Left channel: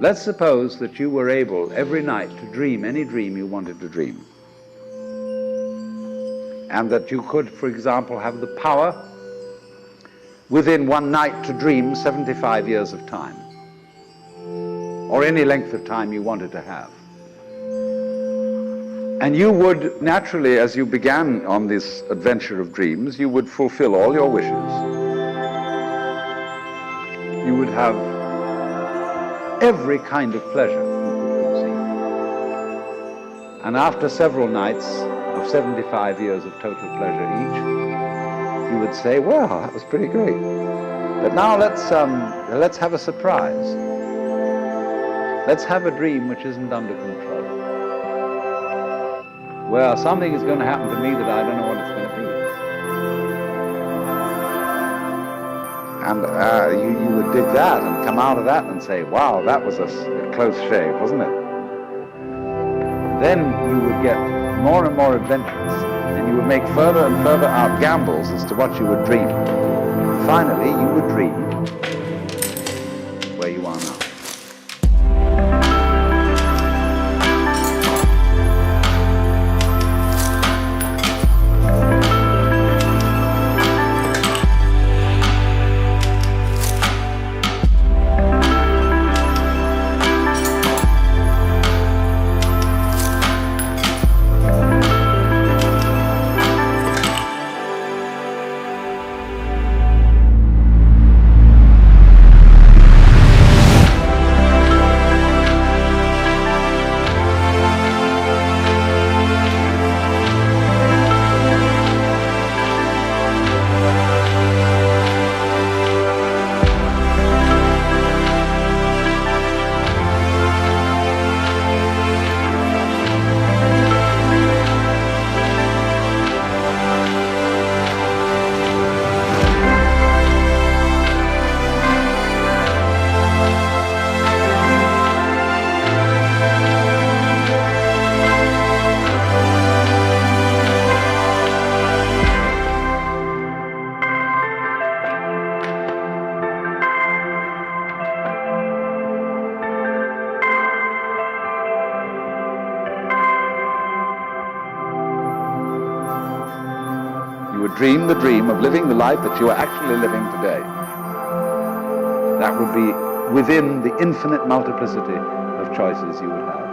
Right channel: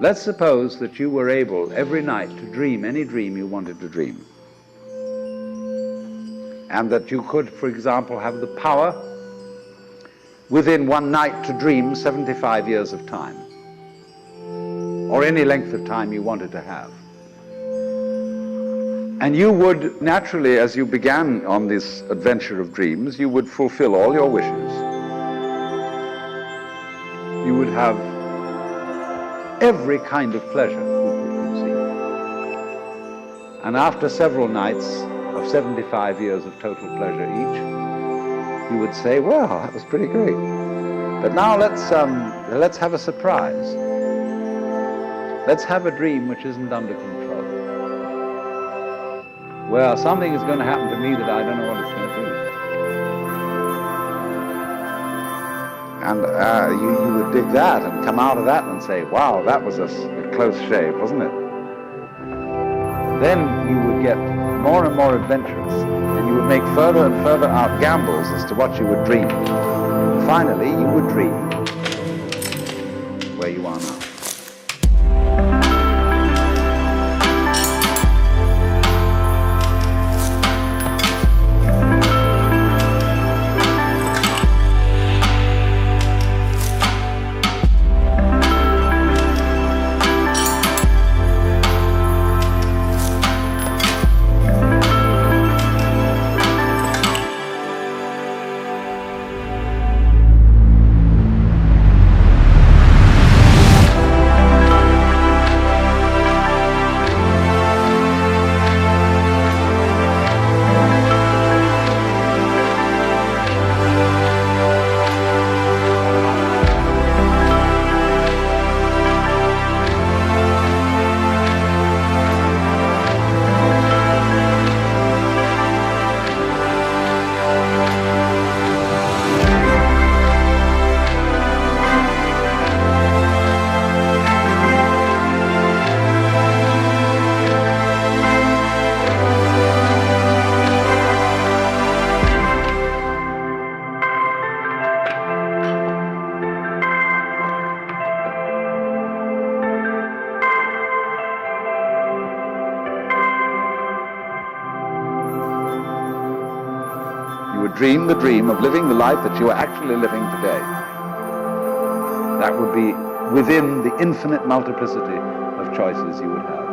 Let's suppose that you were able every night to dream any dream you wanted to dream. And that you could, for example, have the power within one night to dream 75 years of time, or any length of time you wanted to have. And you would naturally, as you began on this adventure of dreams, you would fulfill all your wishes. You would have every kind of pleasure you could conceive. And after several nights of 75 years of total pleasure each, you would say, well, that was pretty great. But now let's have a surprise. Let's have a dream which isn't under control. Well, something is going to happen to me that I don't know what it's going to be. And you would dig that and come out of that and say, wow, that was a close shave, wasn't it? Then you would get more and more adventurous, and you would make further and further out gambles as to what you would dream. And finally, you would dream where you are now. You would dream the dream of living the life that you are actually living today. That would be within the infinite multiplicity of choices you would have.